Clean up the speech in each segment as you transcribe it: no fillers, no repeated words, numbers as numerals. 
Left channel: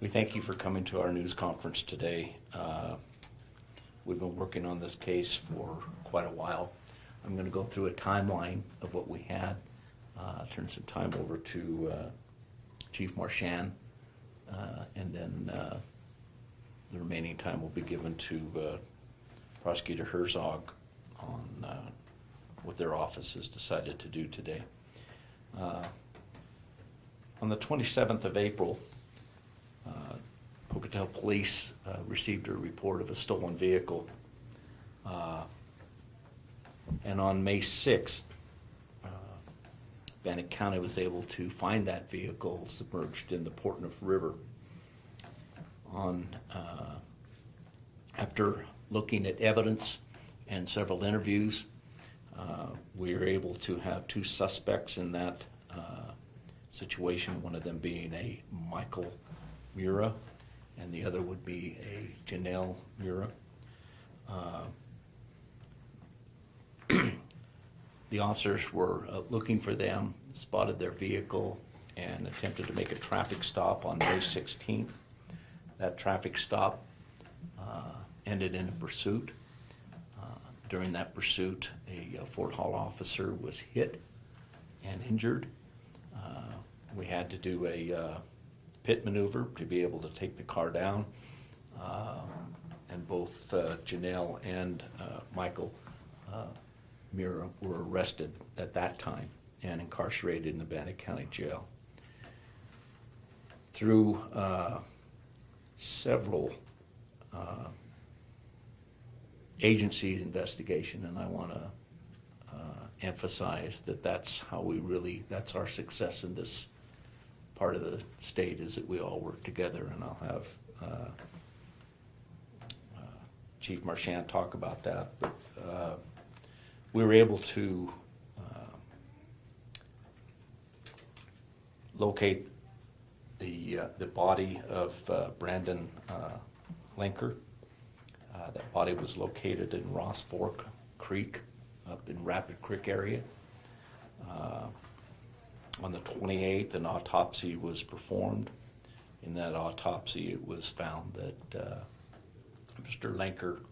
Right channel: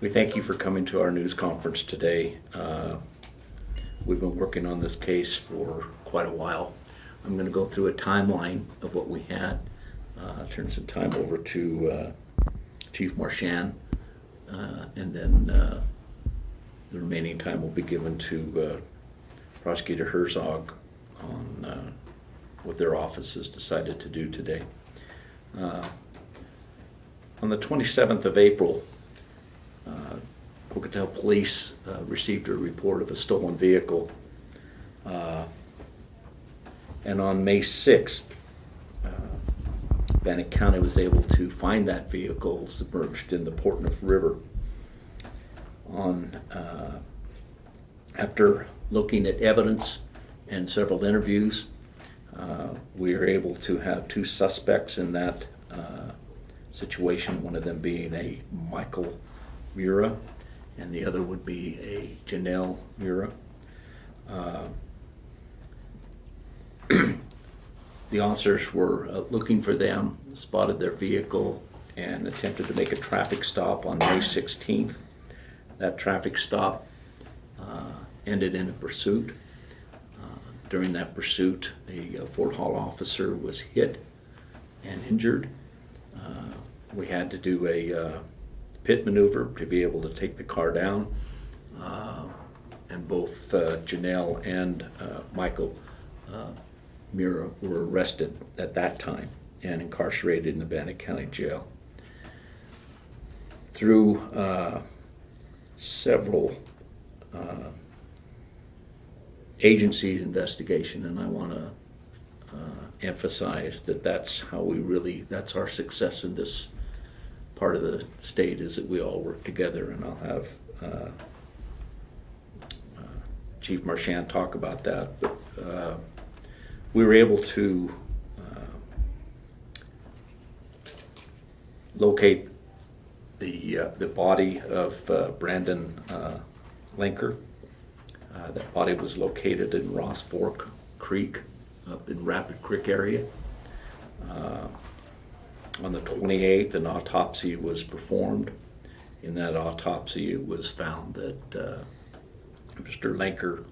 We thank you for coming to our news conference today. We've been working on this case for quite a while. I'm going to go through a timeline of what we had, turn some time over to Chief Marchand, and then the remaining time will be given to Prosecutor Herzog on what their office has decided to do today. On the 27th of April, Pocatello Police received a report of a stolen vehicle, and on May 6th, Bannock County was able to find that vehicle submerged in the Portneuf River. After looking at evidence and several interviews, we are able to have two suspects in that situation, one of them being a Michael Miera, and the other would be a Janeal Miera. The officers were looking for them, spotted their vehicle, and attempted to make a traffic stop on May 16th. That traffic stop ended in a pursuit. During that pursuit, a Fort Hall officer was hit and injured. We had to do a pit maneuver to be able to take the car down, and both Janeal and Michael Miera were arrested at that time and incarcerated in the Bannock County Jail. Through several agencies' investigation, and I want to emphasize that that's our success in this part of the state, is that we all work together, and I'll have Chief Marchand talk about that. But we were able to locate the body of Brandon Lenker. That body was located in Ross Fork Creek, up in Rapid Creek area. On the 28th, an autopsy was performed. In that autopsy, it was found that Mr. Lenker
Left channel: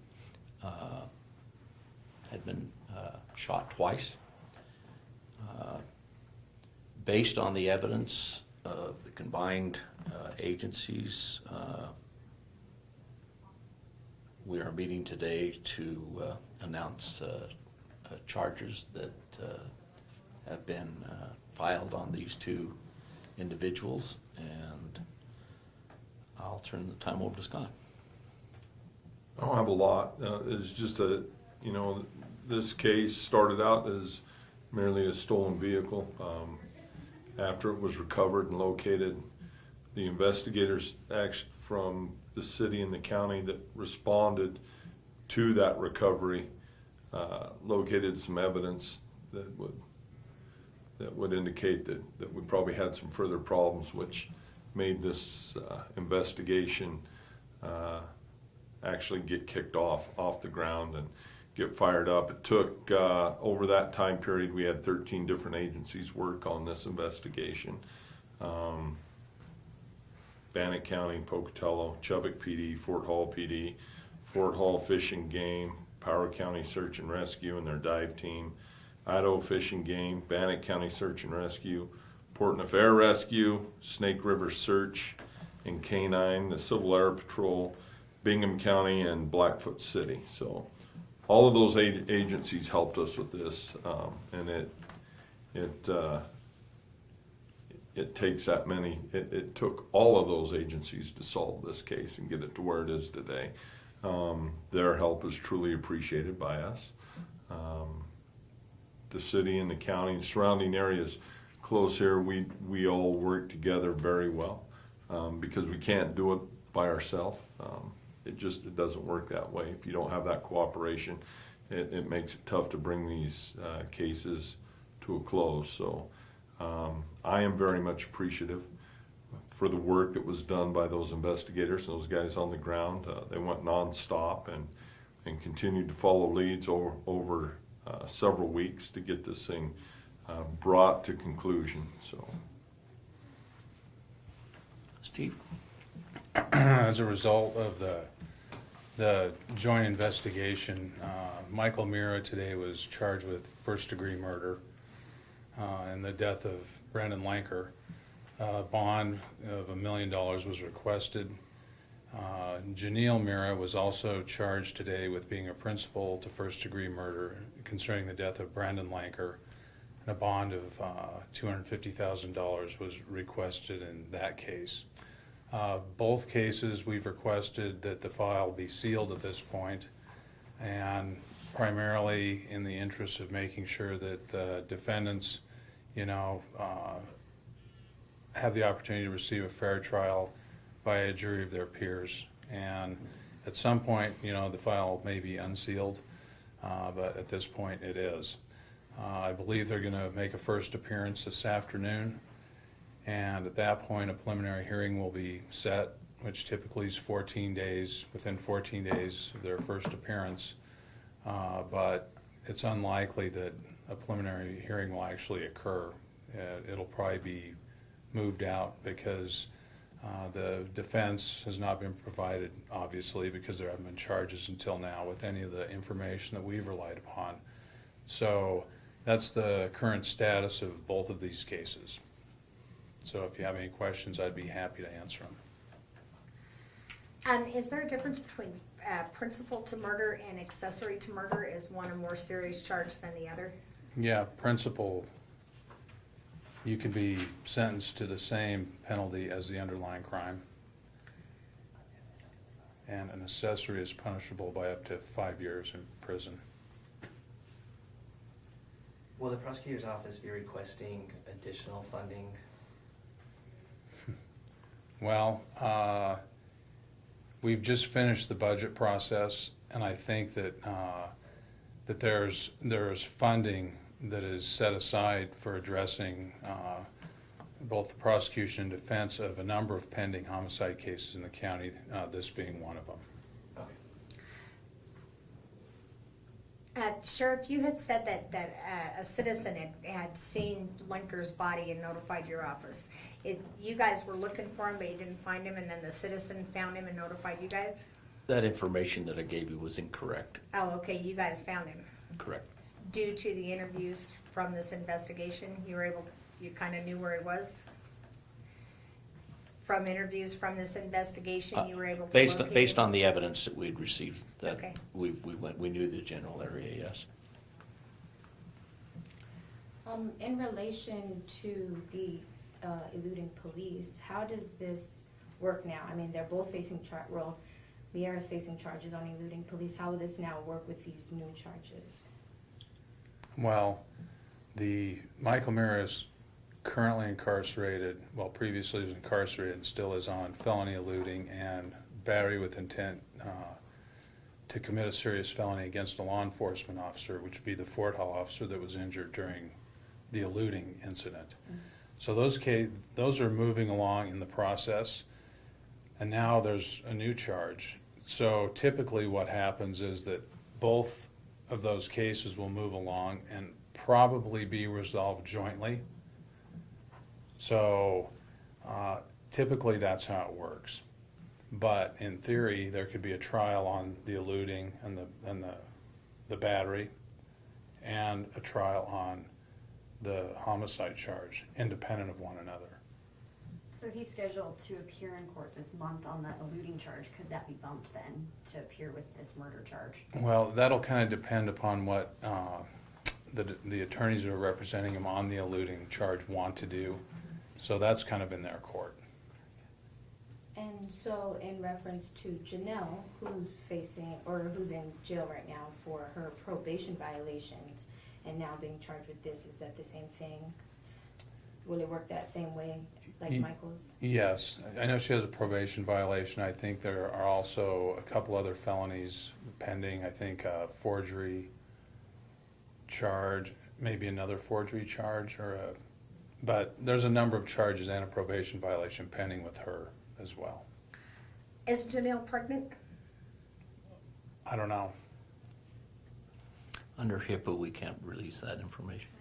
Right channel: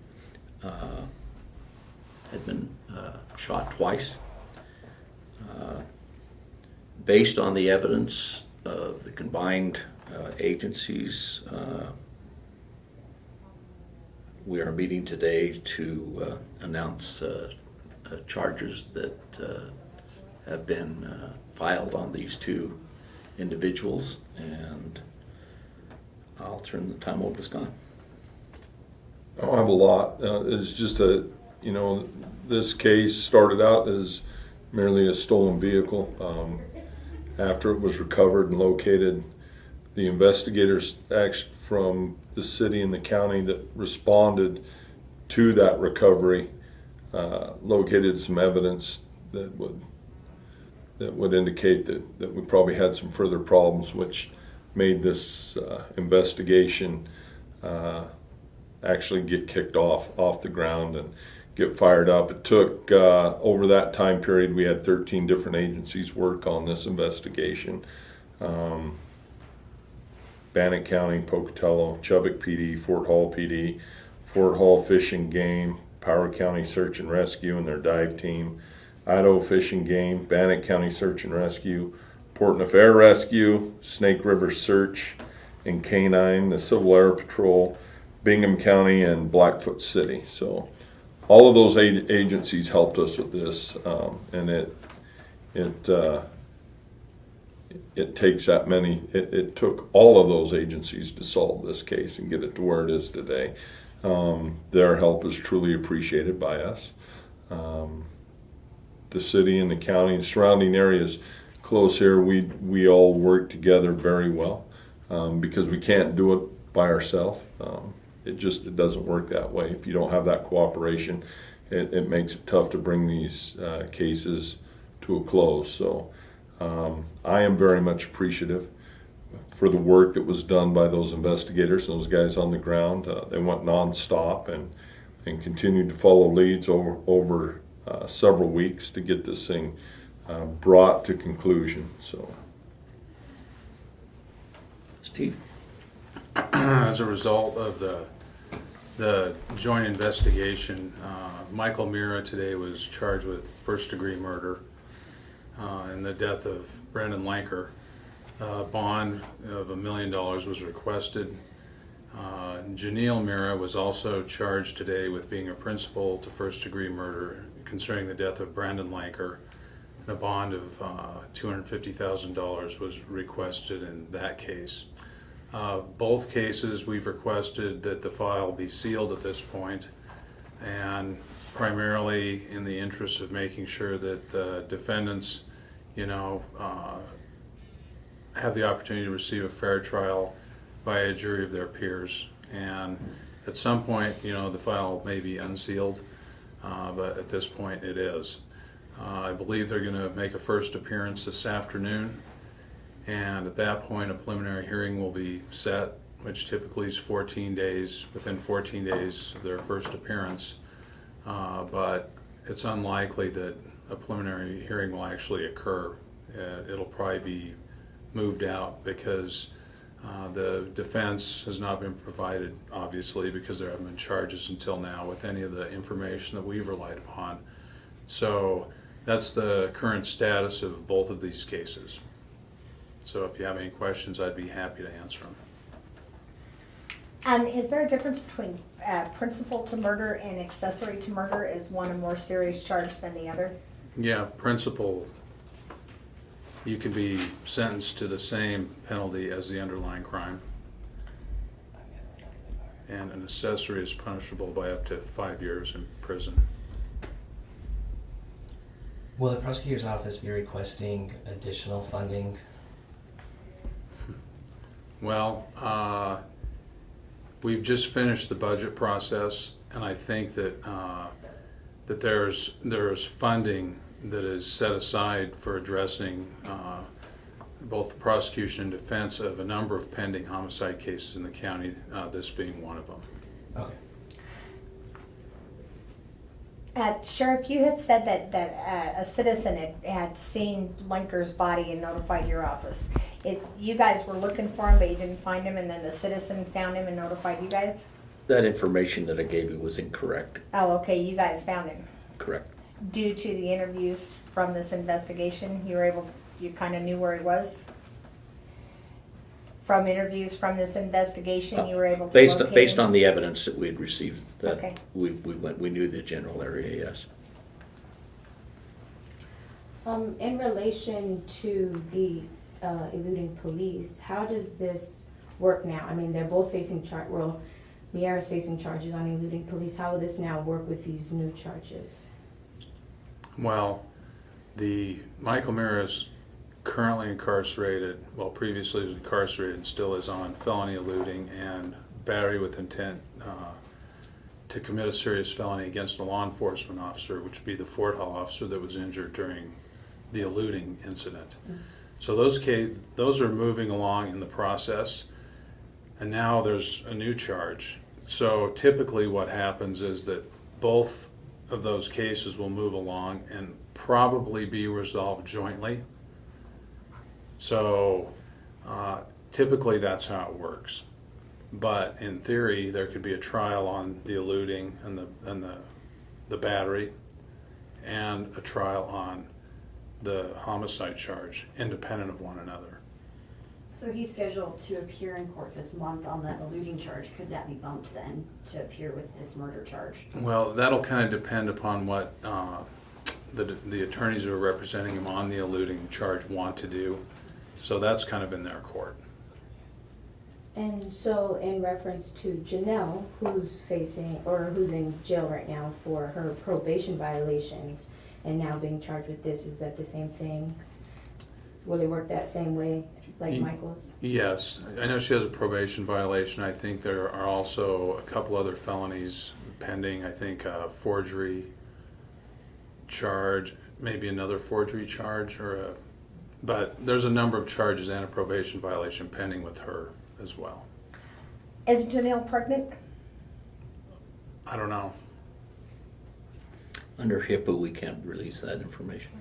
had been shot twice. Based on the evidence of the combined agencies, we are meeting today to announce charges that have been filed on these two individuals, and I'll turn the time over to Scott. I don't have a lot. It's just this case started out as merely a stolen vehicle. After it was recovered and located, the investigators from the city and the county that responded to that recovery located some evidence that would indicate that we probably had some further problems, which made this investigation actually get kicked off the ground and get fired up. It took, over that time period, we had 13 different agencies work on this investigation. Bannock County, Pocatello, Chubbuck PD, Fort Hall PD, Fort Hall Fish and Game, Power County Search and Rescue and their dive team, Idaho Fish and Game, Bannock County Search and Rescue, Portneuf Air Rescue, Snake River Search and Canine, the Civil Air Patrol, Bingham County, and Blackfoot City. So all of those agencies helped us with this, and it takes that many. It took all of those agencies to solve this case and get it to where it is today. Their help is truly appreciated by us. The city and the county and surrounding areas close here, we all work together very well, because we can't do it by ourselves. It doesn't work that way. If you don't have that cooperation, it makes it tough to bring these cases to a close. So I am very much appreciative for the work that was done by those investigators, those guys on the ground. They went non-stop and continued to follow leads over several weeks to get this thing brought to conclusion. So, Steve? as a result of the joint investigation, Michael Miera today was charged with first-degree murder in the death of Brandon Lenker. Bond of $1 million was requested. Janeal Miera was also charged today with being a principal to first-degree murder concerning the death of Brandon Lenker. And a bond of $250,000 was requested in that case. Both cases we've requested that the file be sealed at this point, and primarily in the interest of making sure that the defendants, have the opportunity to receive a fair trial by a jury of their peers. And at some point, the file may be unsealed, but at this point it is. I believe they're going to make a first appearance this afternoon, and at that point a preliminary hearing will be set, which typically is 14 days, within 14 days of their first appearance. But it's unlikely that a preliminary hearing will actually occur. It'll probably be moved out because the defense has not been provided, obviously, because there haven't been charges until now with any of the information that we've relied upon. So that's the current status of both of these cases. So if you have any questions, I'd be happy to answer them. Is there a difference between principal to murder and accessory to murder? Is one a more serious charge than the other? Yeah, principal, you could be sentenced to the same penalty as the underlying crime. And an accessory is punishable by up to 5 years in prison. Will the prosecutor's office be requesting additional funding? Well, we've just finished the budget process, and I think that that there's funding that is set aside for addressing both the prosecution and defense of a number of pending homicide cases in the county, this being one of them. Okay. Sheriff, you had said that a citizen had seen Lenker's body and notified your office. You guys were looking for him, but you didn't find him, and then the citizen found him and notified you guys? That information that I gave you was incorrect. Oh, okay, you guys found him. Correct. Due to the interviews from this investigation, you kind of knew where he was? From interviews from this investigation, you were able to locate him? Based on the evidence that we had received, that Okay. we knew the general area, yes. In relation to the eluding police, how does this work now? I mean, they're both facing Miera's facing charges on eluding police. How will this now work with these new charges? Well, Michael Miera is currently incarcerated, well, previously was incarcerated and still is on felony eluding and battery with intent to commit a serious felony against a law enforcement officer, which would be the Fort Hall officer that was injured during the eluding incident. So those are moving along in the process, and now there's a new charge. So typically what happens is that both of those cases will move along and probably be resolved jointly. So typically that's how it works. But in theory, there could be a trial on the eluding and the battery, and a trial on the homicide charge, independent of one another. So he's scheduled to appear in court this month on the eluding charge. Could that be bumped then to appear with this murder charge? Well, that'll kind of depend upon what the attorneys who are representing him on the eluding charge want to do. So that's kind of in their court. And so in reference to Janeal, who's in jail right now for her probation violations and now being charged with this, is that the same thing? Will it work that same way like Michael's? Yes, I know she has a probation violation. I think there are also a couple other felonies pending. I think a forgery charge, maybe another forgery charge, but there's a number of charges and a probation violation pending with her as well. Is Janeal pregnant? I don't know. Under HIPAA, we can't release that information.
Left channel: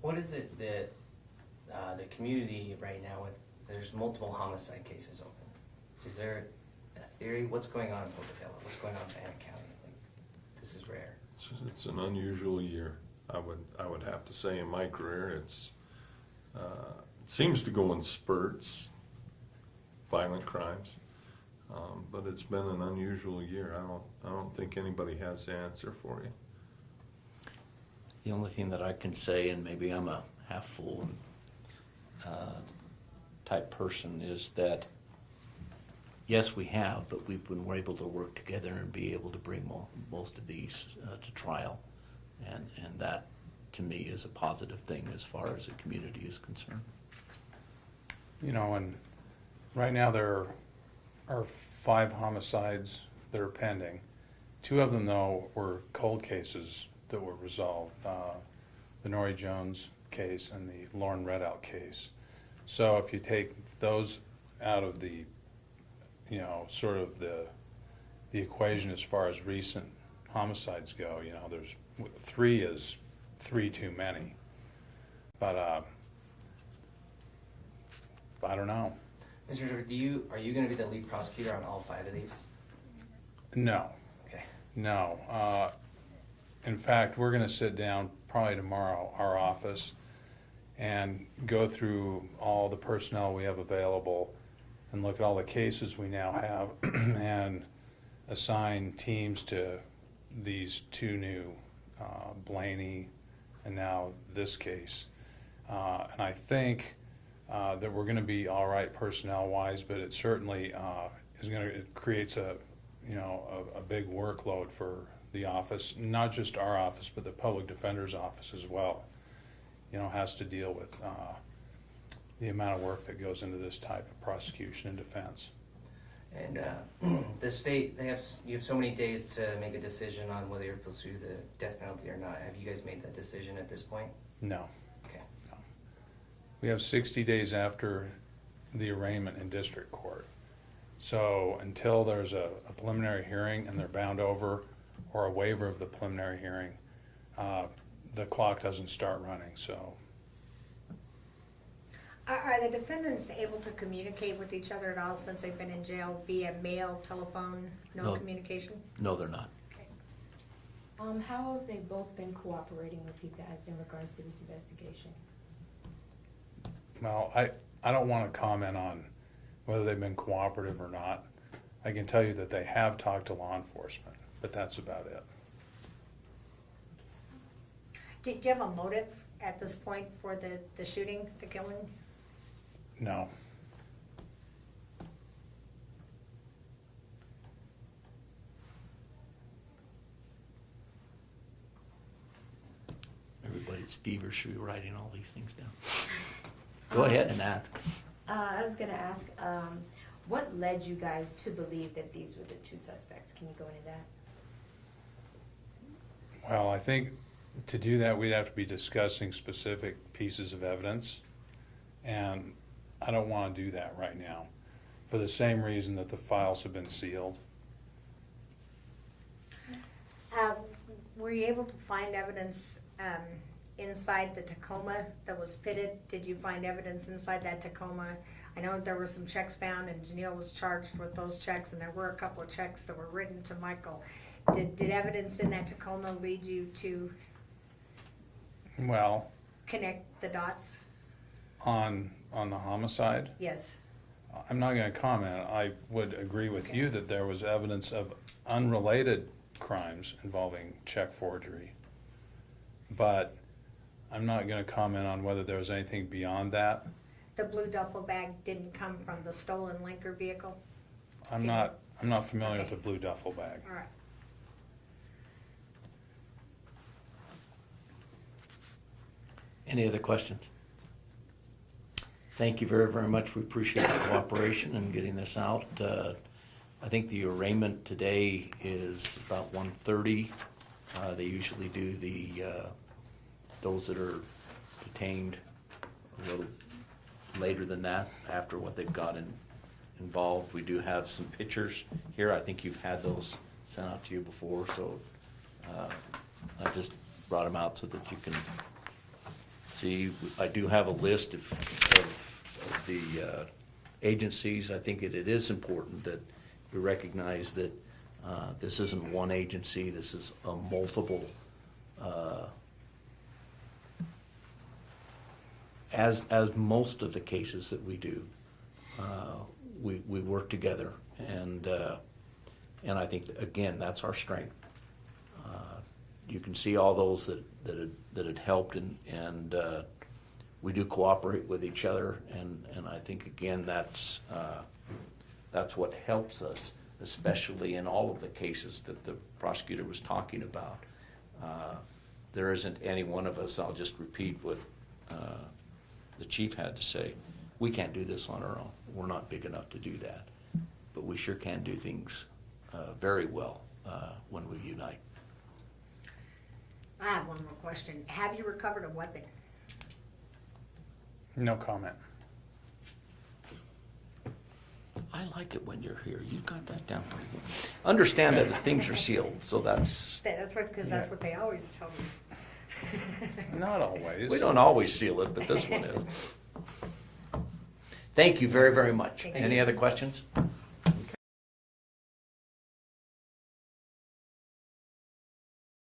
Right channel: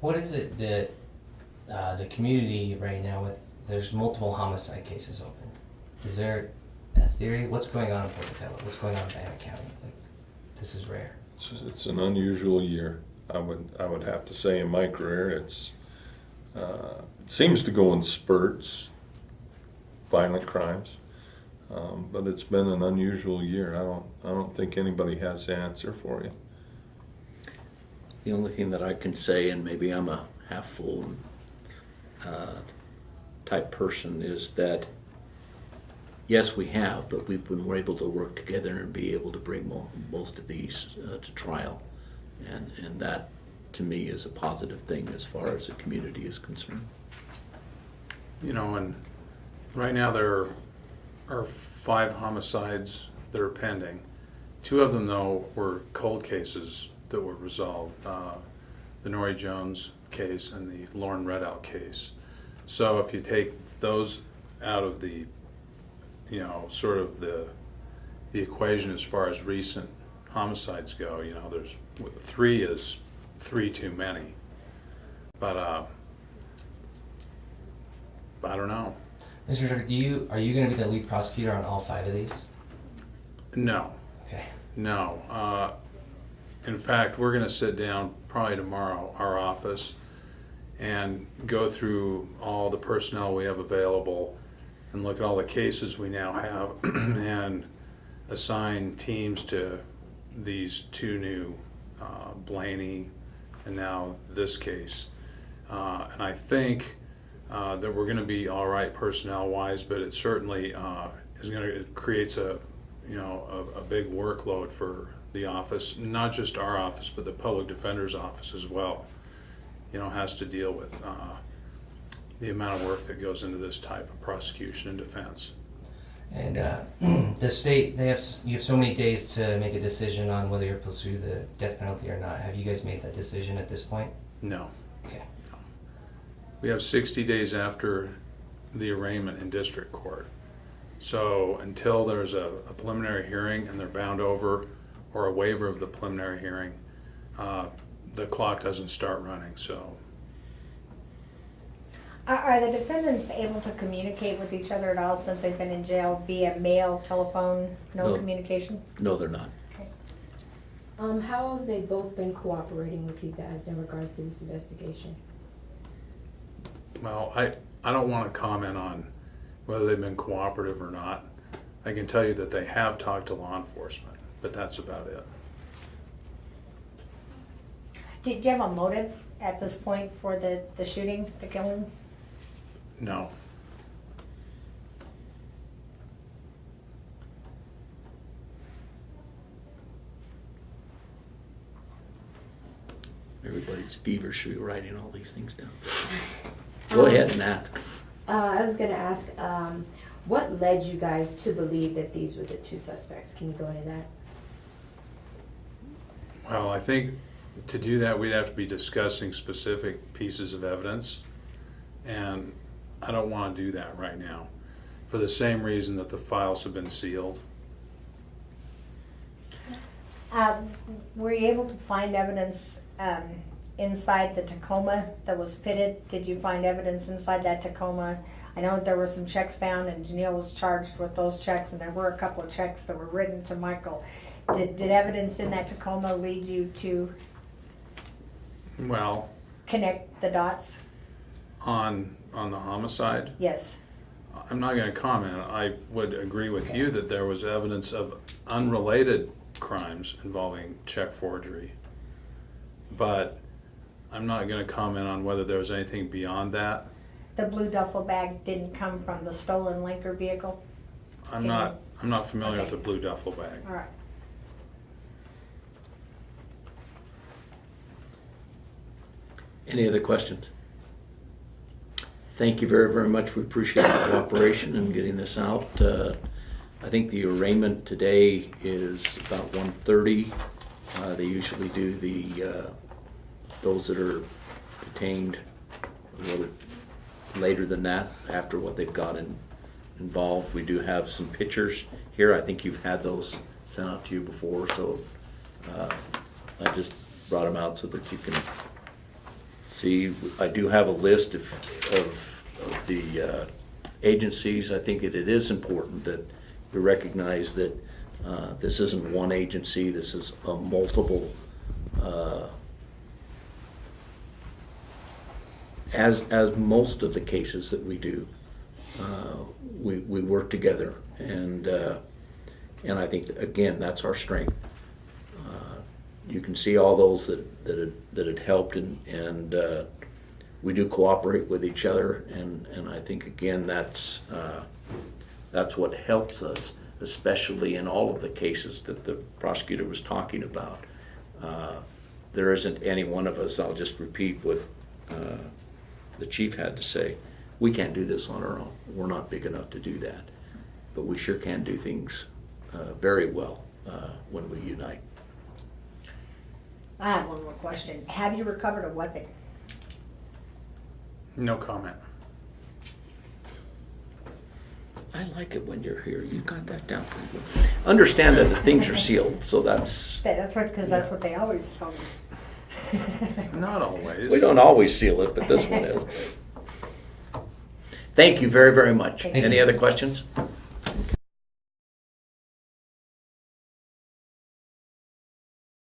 What is it that the community right now there's multiple homicide cases open. Is there a theory? What's going on in Pocatello? What's going on in Bannock County? Like, this is rare. It's an unusual year. I would have to say in my career, it seems to go in spurts, violent crimes, but it's been an unusual year. I don't think anybody has the answer for you. The only thing that I can say, and maybe I'm a half full type person, is that yes, we have, but we're able to work together and be able to bring most of these to trial, and that to me is a positive thing as far as the community is concerned. You know, and right now there are 5 homicides that are pending. 2 of them, though, were cold cases that were resolved. The Nori Jones case and the Lorin Redout case. So if you take those out of the, you know, sort of the equation as far as recent homicides go, you know, there's 3 is 3 too many. But I don't know. Mr. Director, are you going to be the lead prosecutor on all 5 of these? No, Okay. no. In fact, we're going to sit down probably tomorrow, our office, and go through all the personnel we have available and look at all the cases we now have and assign teams to these 2 new, Blaney and now this case. And I think that we're going to be all right personnel-wise, but it certainly it creates a big workload for the office, not just our office, but the public defender's office as well. You know, has to deal with the amount of work that goes into this type of prosecution and defense. And the state, you have so many days to make a decision on whether you'll pursue the death penalty or not. Have you guys made that decision at this point? No. Okay. We have 60 days after the arraignment in district court. So until there's a preliminary hearing and they're bound over, or a waiver of the preliminary hearing, the clock doesn't start running. So Are the defendants able to communicate with each other at all since they've been in jail via mail, telephone, no No. communication? No, they're not. Okay. How have they both been cooperating with you guys in regards to this investigation? well, I don't want to comment on whether they've been cooperative or not. I can tell you that they have talked to law enforcement, but that's about it. Do you have a motive at this point for the shooting, the killing? No. Everybody's feverishly writing all these things down. Go ahead and ask. I was gonna ask, what led you guys to believe that these were the 2 suspects? Can you go into that? Well, I think to do that, we'd have to be discussing specific pieces of evidence, and I don't want to do that right now, for the same reason that the files have been sealed. Were you able to find evidence inside the Tacoma that was pitted? Did you find evidence inside that Tacoma? I know there were some checks found and Janeal was charged with those checks, and there were a couple of checks that were written to Michael. Did evidence in that Tacoma lead you to Well, connect the dots? on the homicide, Yes. I'm not going to comment. I would agree with you that there was evidence of unrelated crimes involving check forgery, but I'm not going to comment on whether there was anything beyond that. The blue duffel bag didn't come from the stolen Lenker vehicle? I'm not familiar with Okay. the blue duffel bag. All right. Any other questions? Thank you very, very much. We appreciate the cooperation in getting this out. I think the arraignment today is about 1:30. They usually do those that are detained a little later than that, after what they've got involved. We do have some pictures here. I think you've had those sent out to you before, so I just brought them out so that you can see. I do have a list of the agencies, I think it is important that we recognize that this isn't one agency, this is a multiple, as most of the cases that we do, we work together, and I think, that, again, that's our strength. You can see all those that had helped, and we do cooperate with each other, and I think, again, that's what helps us, especially in all of the cases that the prosecutor was talking about. There isn't any one of us, I'll just repeat what the chief had to say, we can't do this on our own. We're not big enough to do that, but we sure can do things very well when we unite. I have one more question. Have you recovered a weapon? No comment. I like it when you're here. You got that down pretty good. Understand that the things are sealed, so that's, That's what, because that's what they always tell me. Not always. we don't always seal it, but this one is. Thank you very, very much. Thank Any you. other questions?